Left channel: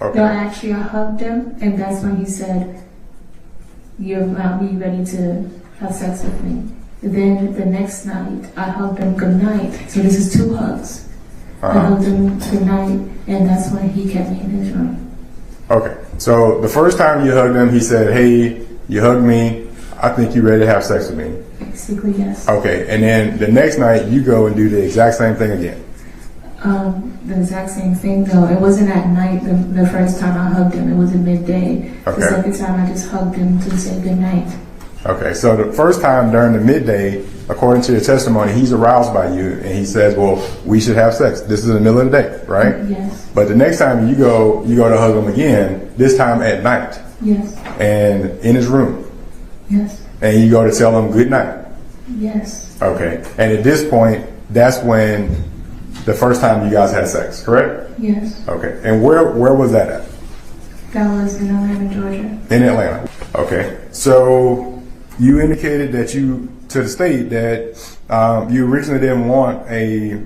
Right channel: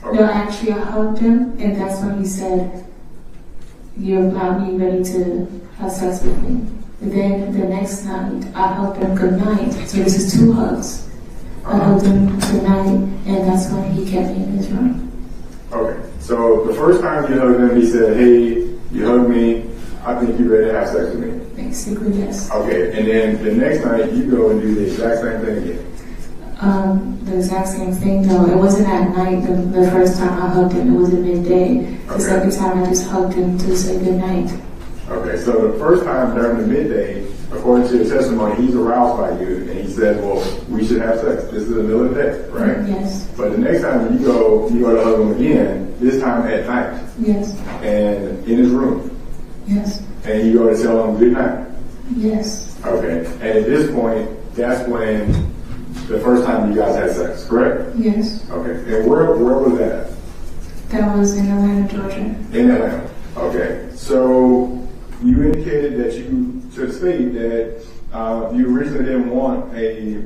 Okay. No, actually, I hugged him, and that's when he said, "You're about me ready to have sex with me." And then the next night, I hugged him good night. So this is 2 hugs. I hugged him good night, and that's when he kept me in his room. Okay. So the first time you hugged him, he said, "Hey, you hugged me. I think you're ready to have sex with me." Basically, yes. Okay. And then the next night, you go and do the exact same thing again. The exact same thing though. It wasn't at night the first time I hugged him. It was at midday. Okay. The second time I just hugged him to say good night. Okay, so the first time during the midday, according to your testimony, he's aroused by you and he says, "Well, we should have sex." This is in the middle of the day, right? Yes. But the next time you go to hug him again, this time at night. Yes. And in his room. Yes. And you go to tell him good night. Yes. Okay. And at this point, that's when the first time you guys had sex, correct? Yes. Okay. And where was that at? That was in Atlanta, Georgia. In Atlanta. Okay. So you indicated that to the state that you originally didn't want a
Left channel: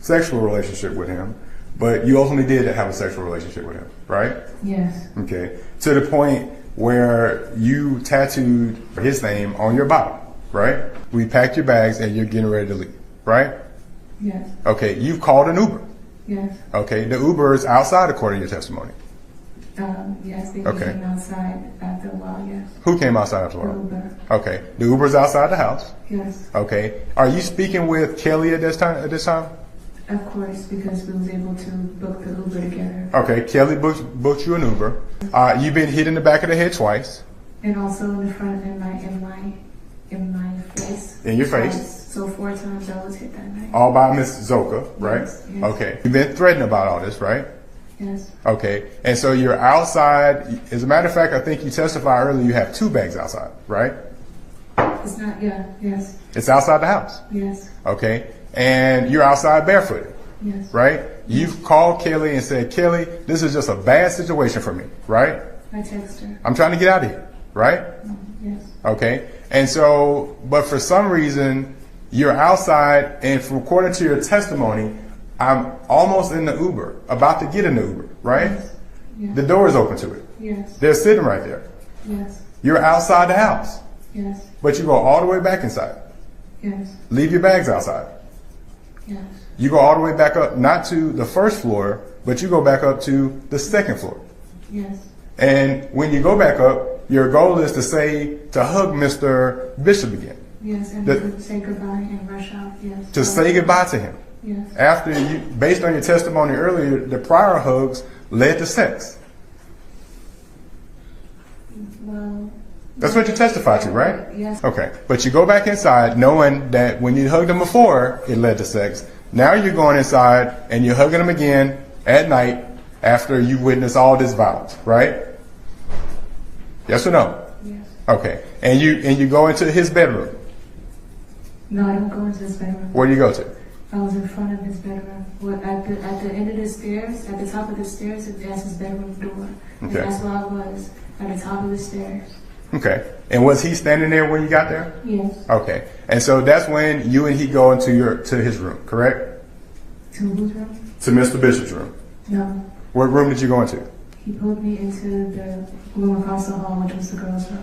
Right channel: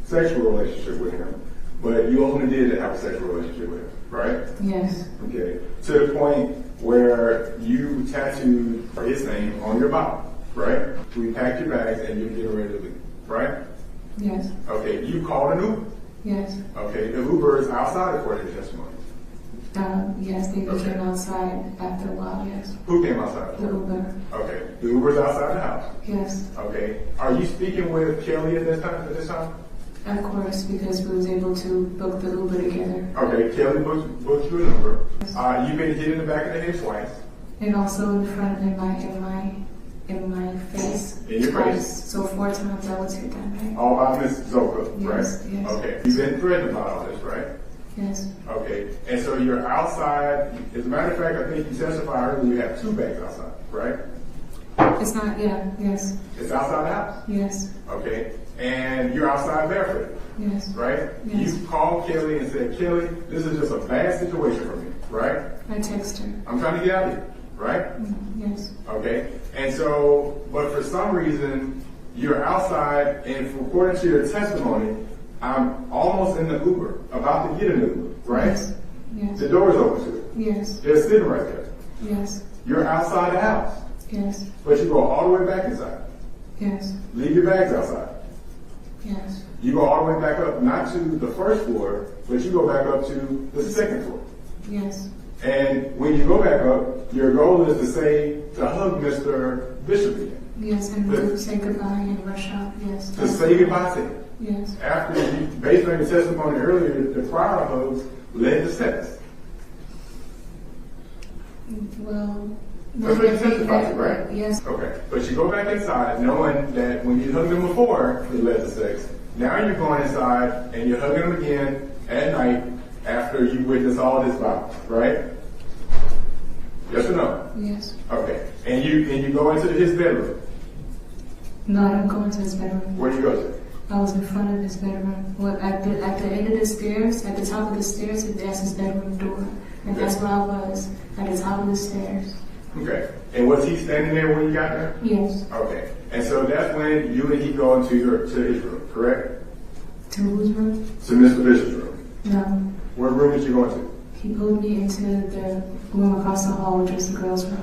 sexual relationship with him, but you ultimately did have a sexual relationship with him, right? Yes. Okay. To the point where you tattooed his name on your body, right? We packed your bags and you're getting ready to leave, right? Yes. Okay. You called an Uber. Yes. Okay. The Uber is outside according to your testimony. Yes, they Okay. came outside after a while, yes. Who came outside after a The while? Uber. Okay. The Uber's outside the house. Yes. Okay. Are you speaking with Kelly at this time? Of course, because we was able to book the Uber together. Okay. Kelly booked you an Uber. You've been hit in the back of the head twice. And also in the front in my face. In your face. Twice. So 4 times I was hit that night. All by Miss Zoka, right? Yes, yes. Okay. You've been threatened about all this, right? Yes. Okay. And so you're outside. As a matter of fact, I think you testified earlier you have 2 bags outside, right? It's not, yes. It's outside the house. Yes. Okay. And you're outside barefooted, Yes. right? You've called Kelly and said, "Kelly, this is just a bad situation for me," right? I text her. I'm trying to get out of here, right? Yes. Okay. And so, but for some reason, you're outside, and according to your testimony, I'm almost in the Uber, about to get in the Uber, right? Yes. Yes. The door is open to it. Yes. They're sitting right there. Yes. You're outside the house, Yes. but you go all the way back inside. Yes. Leave your bags outside. Yes. You go all the way back up, not to the first floor, but you go back up to the second floor. Yes. And when you go back up, your goal is to hug Mr. Bishop again. Yes. And to say goodbye and rush out. Yes. To say goodbye to him. Yes. After you, based on your testimony earlier, the prior hugs led to sex. Well. That's what you testified to, right? Yes. Okay. But you go back inside knowing that when you hugged him before, it led to sex. Now you're going inside and you're hugging him again at night after you witness all this violence, right? Yes or no? Yes. Okay. And you go into his bedroom. No, I didn't go into his bedroom. Where do you go to? I was in front of his bedroom. Well, at the end of the stairs, at the top of the stairs, there's his bedroom door. And Okay. that's where I was, at the top of the stairs. Okay. And was he standing there when you got there? Yes. Okay. And so that's when you and he go into to his room, correct? To whose room? To Mr. Bishop's room. No. What room did you go into? He pulled me into the room across the hall, which was the girls' room.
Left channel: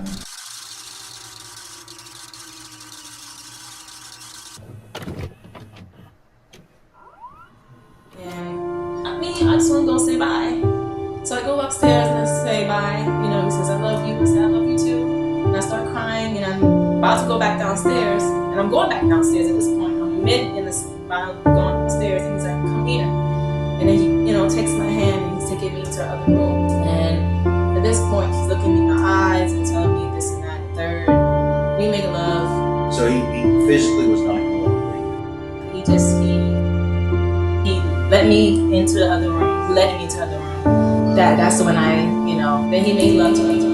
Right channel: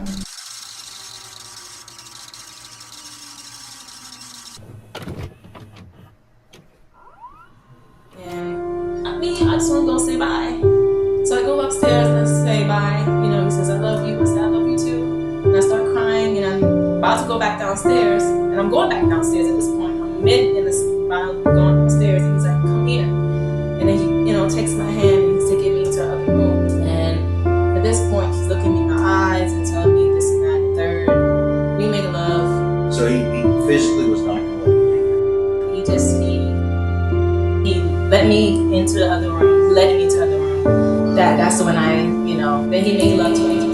And I just want to go say bye. So I go upstairs and I say bye. He says, "I love you." I say, "I love you too." And I start crying and I'm about to go back downstairs. And I'm going back downstairs at this point. I'm about going upstairs and he's like, "Come here." And then he, takes my hand and he's taking me to the other room. And at this point, he's looking me in my eyes and telling me this and that and third. We make love. So he physically was not going to let you leave. He let me into the other room, led me into the other room. That's when then he made love to me.